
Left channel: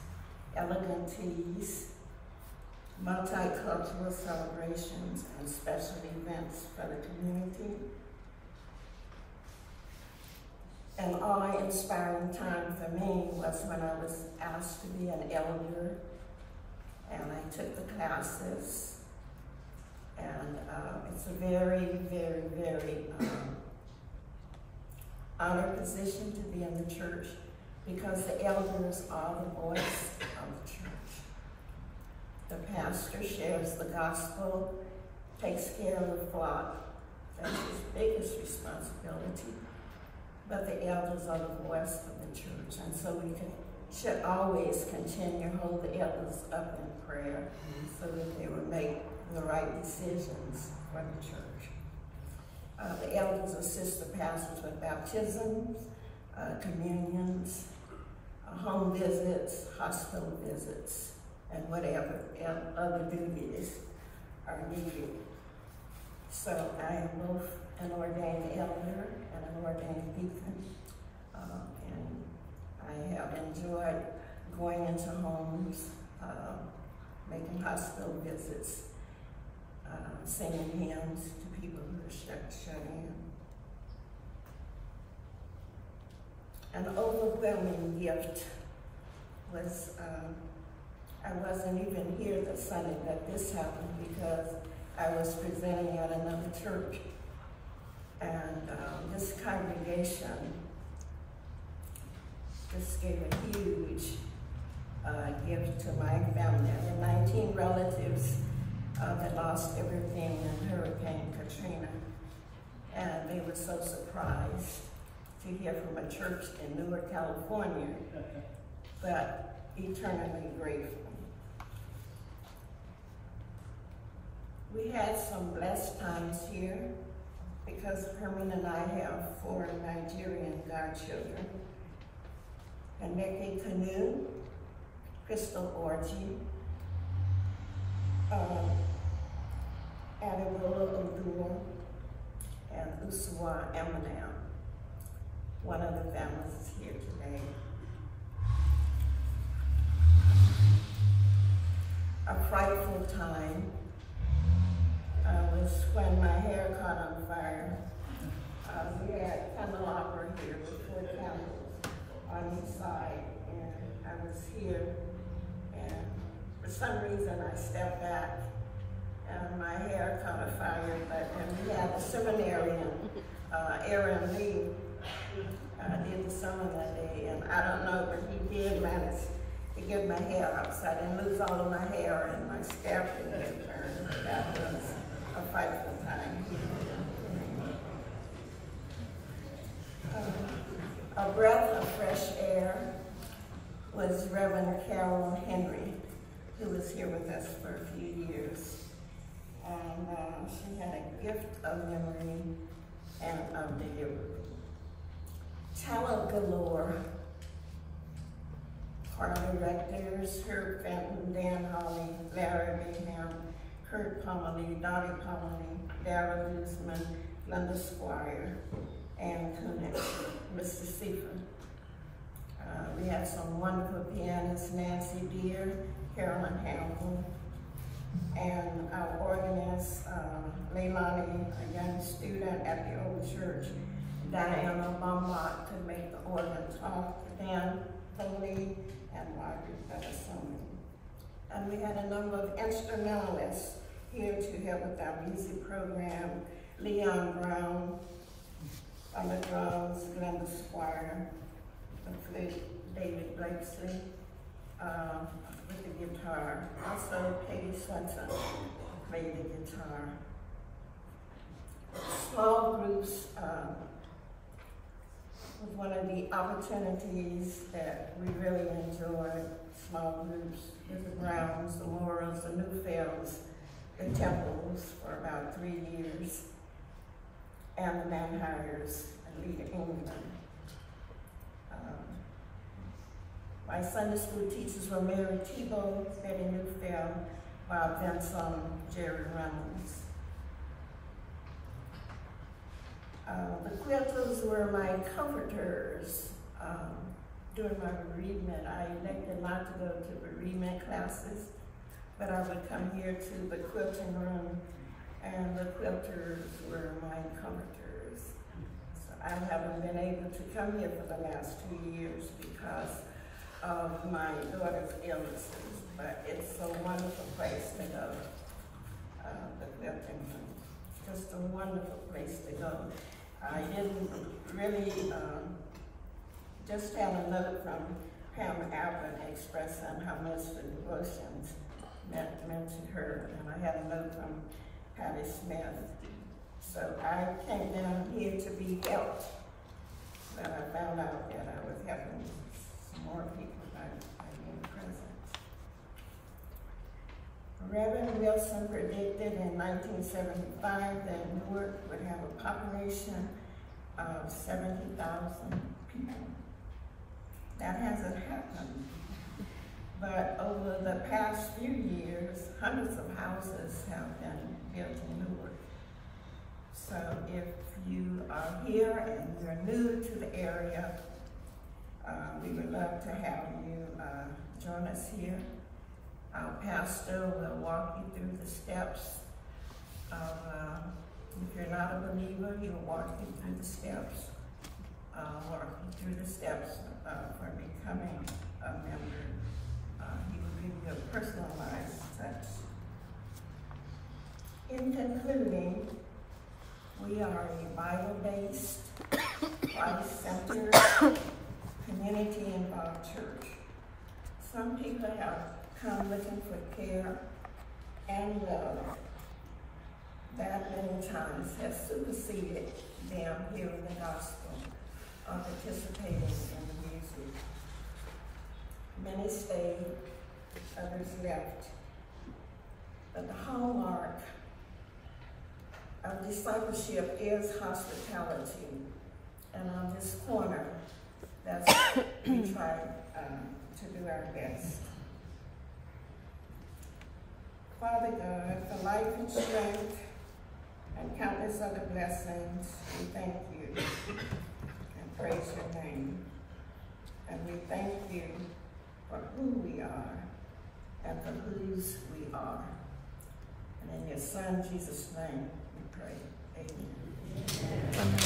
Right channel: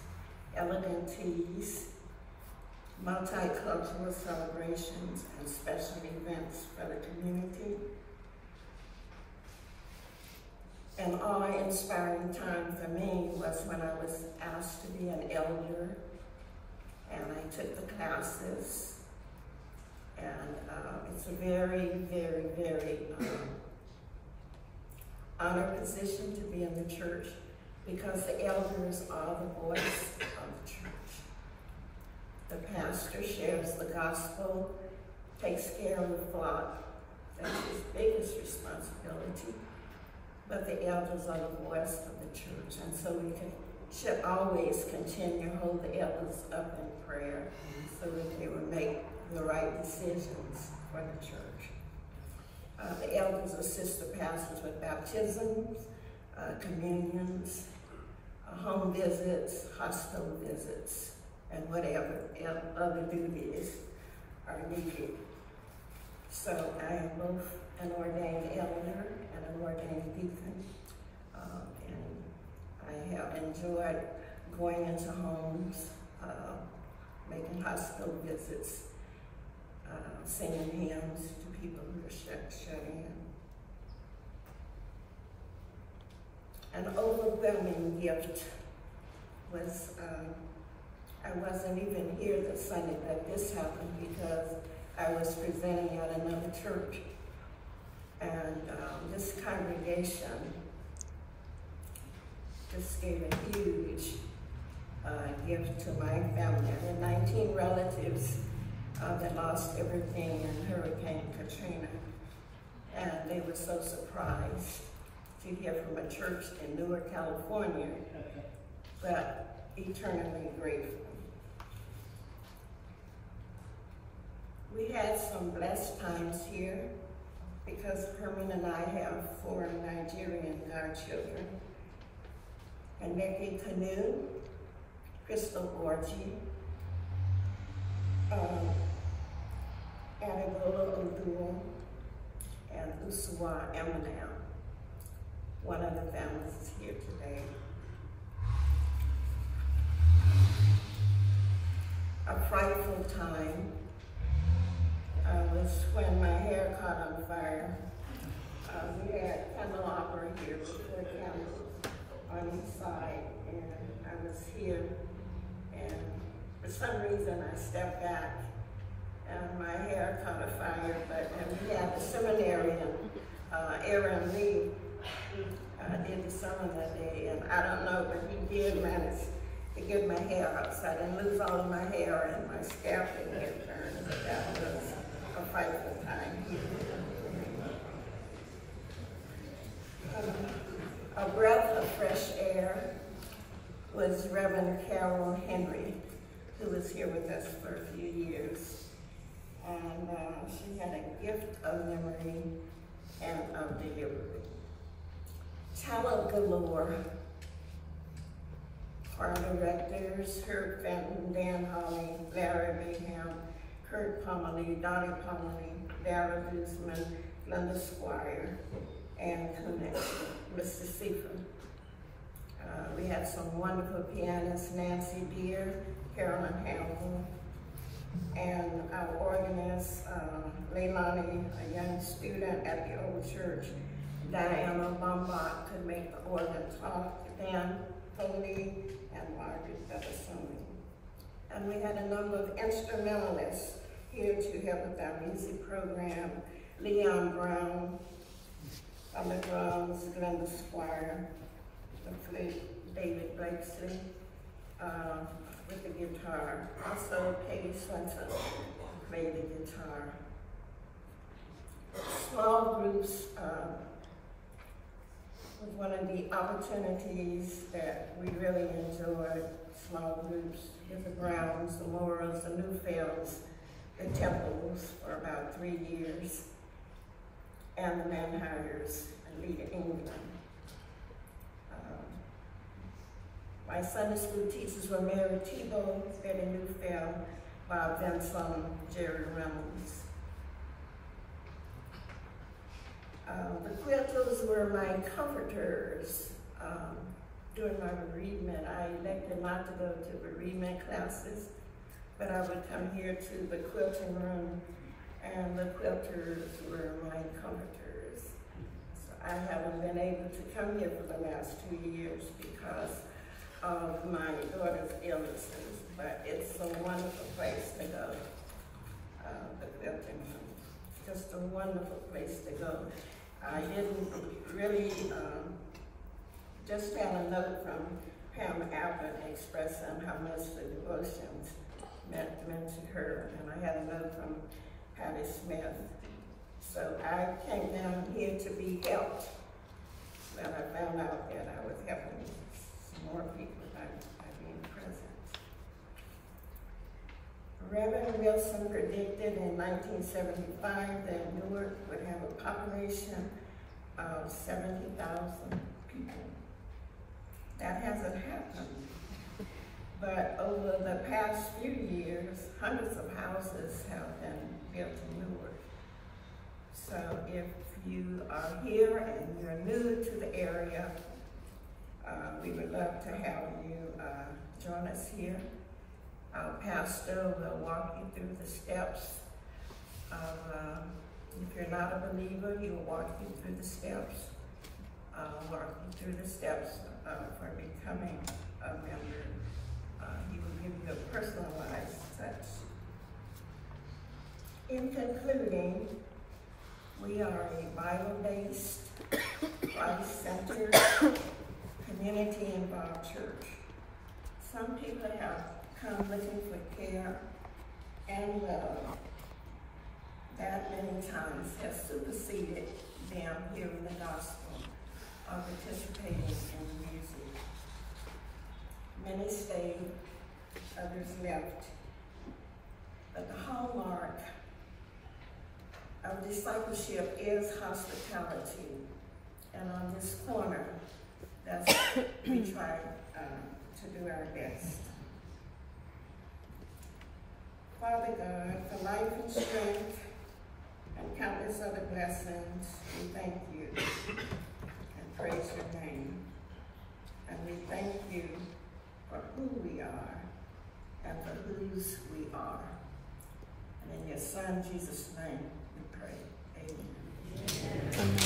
LNTs, multicultural celebrations, and special events for the community. An awe-inspiring time for me was when I was asked to be an elder, and I took the classes, and it's a very, very, very honored position to be in the church because the elders are the voice of the church. The pastor shares the gospel, takes care of the flock. That's his biggest responsibility. But the elders are the voice of the church, and so we should always continue to hold the elders up in prayer so that they will make the right decisions for the church. The elders assist the pastors with baptisms, communions, home visits, hospital visits, and whatever other duties are needed. So I am both an ordained elder and an ordained deacon, and I have enjoyed going into homes, making hospital visits, singing hymns to people who are shut in. An overwhelming gift was, I wasn't even here this Sunday that this happened because I was presenting at another church. And this congregation just gave a huge gift to my family. There were 19 relatives that lost everything in Hurricane Katrina. And they were so surprised to hear from a church in Newark, California, but eternally grateful. We had some blessed times here because Herman and I have 4 Nigerian godchildren. And Neki Kanu, Crystal Orji, Abigail Odua, and Uswa Eminem. One of the families is here today. A frightful time was when my hair caught on fire. We had candelabra here before candles on each side, and I was here, and for some reason I stepped back, and my hair caught a fire, and we had the seminarian, Aaron Lee, did the sermon that day, and I don't know, but he did manage to get my hair up, so I didn't lose all of my hair, and my scalp didn't get burned, but that was a frightful time. A breath of fresh air was Reverend Carol Henry, who was here with us for a few years. And she had a gift of memory and of delivery. Talent galore. Our directors, Herb Fenton, Dan Hawley, Larry Mayhem, Kurt Pomerly, Donnie Pomerly, Dara Guzman, Linda Squire, Ann Kunitz, Mr. Seifer. We had some wonderful pianists, Nancy Deere, Carolyn Hamilton, and our organist, Leilani, a young student at the old church. Diana Bombach could make the organ talk, Dan Foley, and Margaret Bettesoni. And we had a number of instrumentalists here to help with our music program. Leon Brown on the drums, Glenda Squire, the flute, David Blakeson, with the guitar. Also, Peggy Swenson played the guitar. Small groups was one of the opportunities that we really enjoyed. Small groups with the Browns, the Morals, the Newfields, the Temples for about 3 years, and the Manhires and Leader England. My Sunday school teachers were Mary Tebow, Betty Newfield, Bob Benson, Jerry Reynolds. The Quilters were my comforters during my bereavement. I elected not to go to bereavement classes, but I would come here to the quilting room, and the Quilters were my comforters. So I haven't been able to come here for the last 2 years because of my daughter's illnesses, but it's a wonderful place to go, the quilting room. Just a wonderful place to go. I didn't really, just had a note from Pam Allen expressing how much the devotions meant to her, and I had a note from Patty Smith. So I came down here to be helped, but I found out that I was helping some more people by being present. Reverend Wilson predicted in 1975 that Newark would have a population of 70,000 people. That hasn't happened. But over the past few years, hundreds of houses have been built in Newark. So if you are here and you're new to the area, we would love to have you join us here. Our pastor will walk you through the steps of, if you're not a believer, he will walk you through the steps, for becoming a member. He will give you a personalized touch. In concluding, we are a Bible-based, Christ-centered, community-involved church. Some people have come looking for care and love. That many times has superseded them hearing the gospel or participating in the music. Many stayed, others left. But the hallmark of discipleship is hospitality. And on this corner, that's what we try to do our best. Father God, for life and strength and countless other blessings, we thank you and praise your name. And we thank you for who we are and for whose we are. And in your Son, Jesus' name, we pray. Amen. Amen.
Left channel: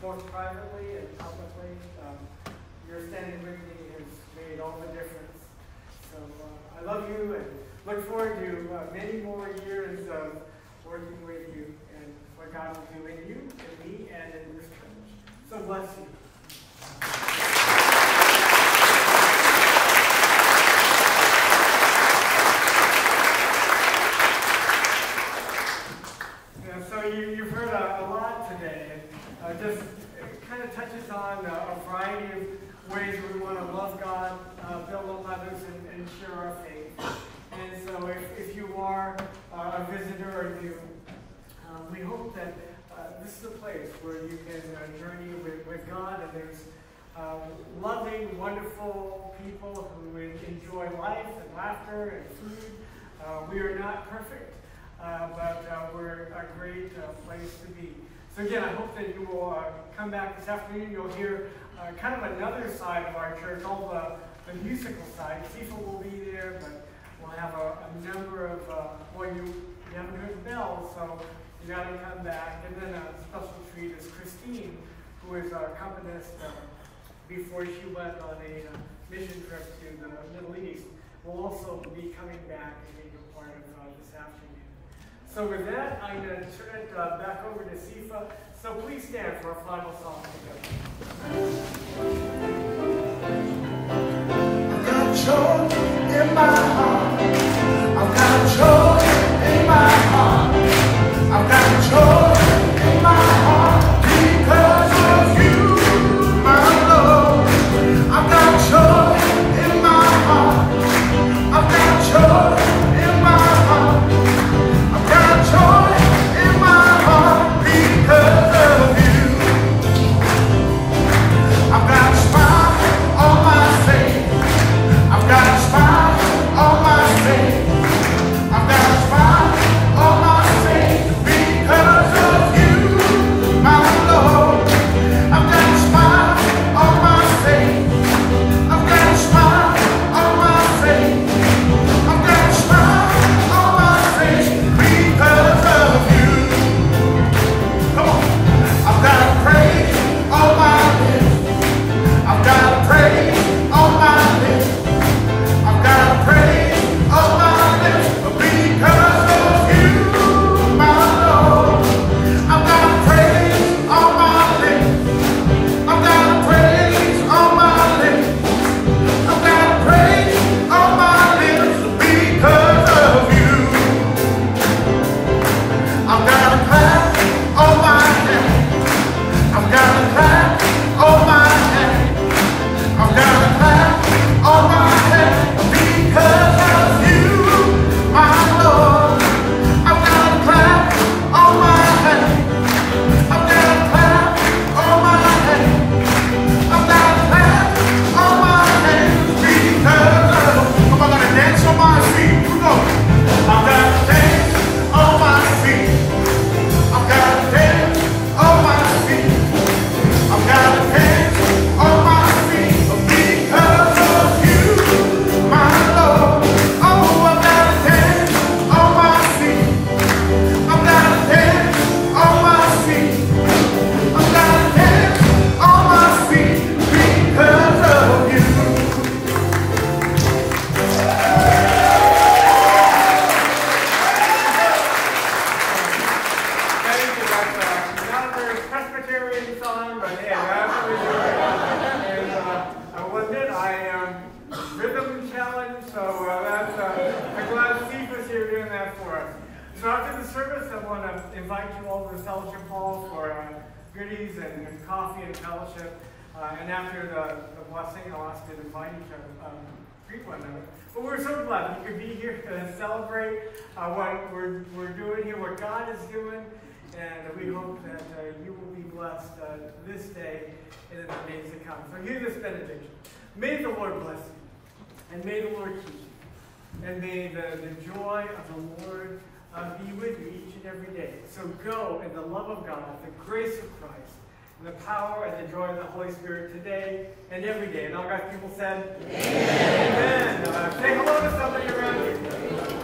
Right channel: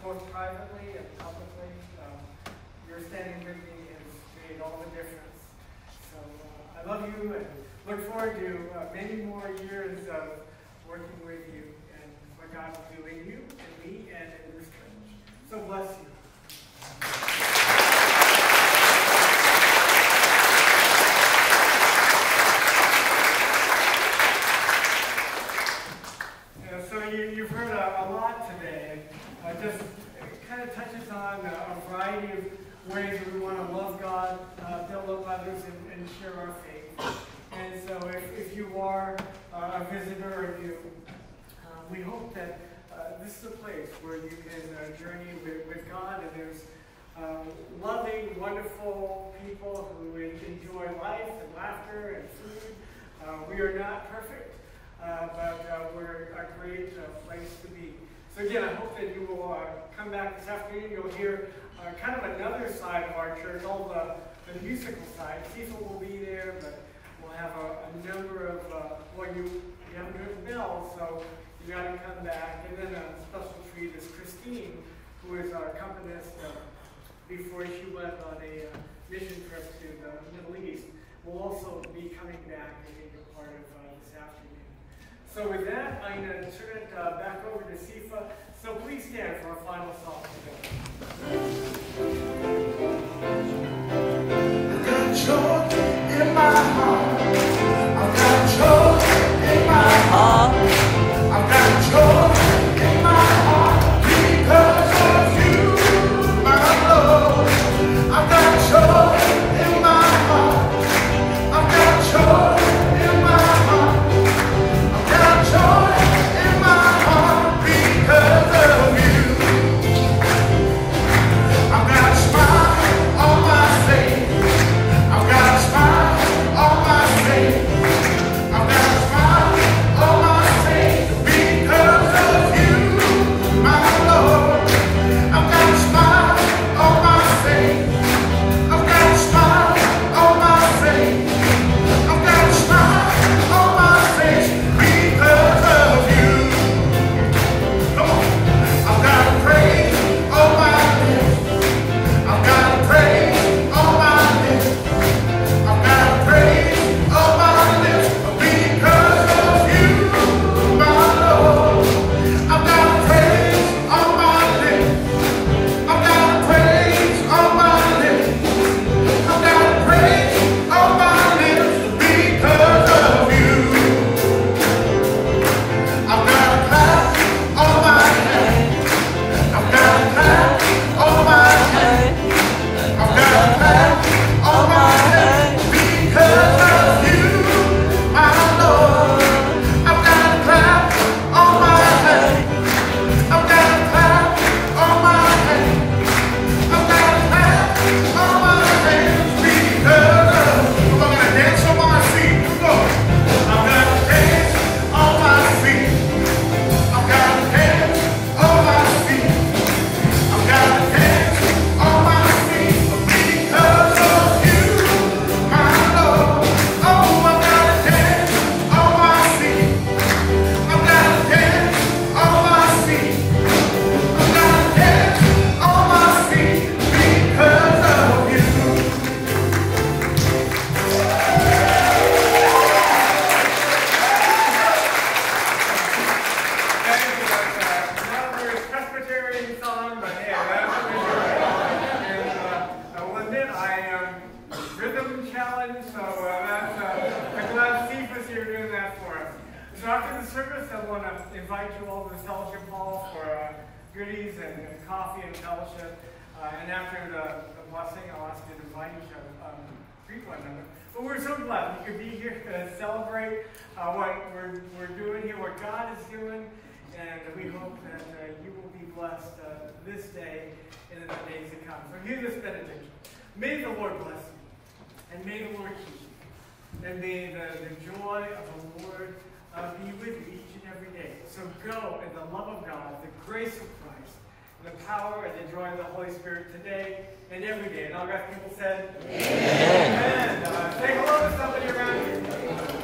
Both privately and publicly, your standing with me has made all the difference. So I love you and look forward to many more years of working with you and what God will do in you, in me, and in this church. So bless you. You've heard a lot today. Just kind of touches on a variety of ways we want to love God, build up others, and share our faith. And so if you are a visitor, or you, we hope that this is a place where you can journey with God, and there's loving, wonderful people who enjoy life and laughter and food. We are not perfect, but we're a great place to be. So again, I hope that you will come back this afternoon. You'll hear kind of another side of our church, all the musical side. Cecil will be there, but we'll have a number of, well, you haven't heard the bells, so you got to come back. And then a special treat is Christine, who is our accompanist before she went on a mission trip to the Middle East, will also be coming back and being a part of this afternoon. So with that, I'm going to turn it back over to Sifa. So please stand for a final song together. I've got joy in my heart. I've got joy in my heart. I've got joy in my heart because of you, my Lord. I've got joy in my heart. I've got joy in my heart. I've got joy in my heart because of you. I've got a smile on my face. I've got a smile on my face. I've got a smile on my face because of you, my Lord. I've got a smile on my face. I've got a smile on my face. I've got a smile on my face because of you. Come on. I've got a praise on my lips. I've got a praise on my lips. I've got a praise on my lips because of you, my Lord. I've got a praise on my lips. I've got a praise on my lips. I've got a praise on my lips because of you. I've got a clap on my hands. I've got a clap on my hands. I've got a clap on my hands because of you, my Lord. I've got a clap on my hands. I've got a clap on my hands. I've got a clap on my hands because of. I'm gonna dance on my feet. Here we go. I've got a dance on my feet. I've got a dance on my feet. I've got a dance on my feet because of you, my Lord. Oh, I've got a dance on my feet. I've got a dance on my feet. I've got a dance on my feet because of you. Thank you. That's another Presbyterian song, but hey, that's what we do. And I will admit, I am rhythm challenged, so I'm glad Steve is here doing that for us. So after the service, I want to invite you all to the fellowship hall for goodies and coffee and fellowship. And after the blessing, I'll ask you to invite each other, greet one another. But we're so glad we could be here to celebrate what we're doing here, what God is doing. And we hope that you will be blessed this day and in the days to come. So hear this benediction. May the Lord bless you, and may the Lord keep you, and may the joy of the Lord be with you each and every day. So go in the love of God, the grace of Christ, and the power and the joy of the Holy Spirit today and every day. And all God's people said, Amen. Say hello to somebody around you.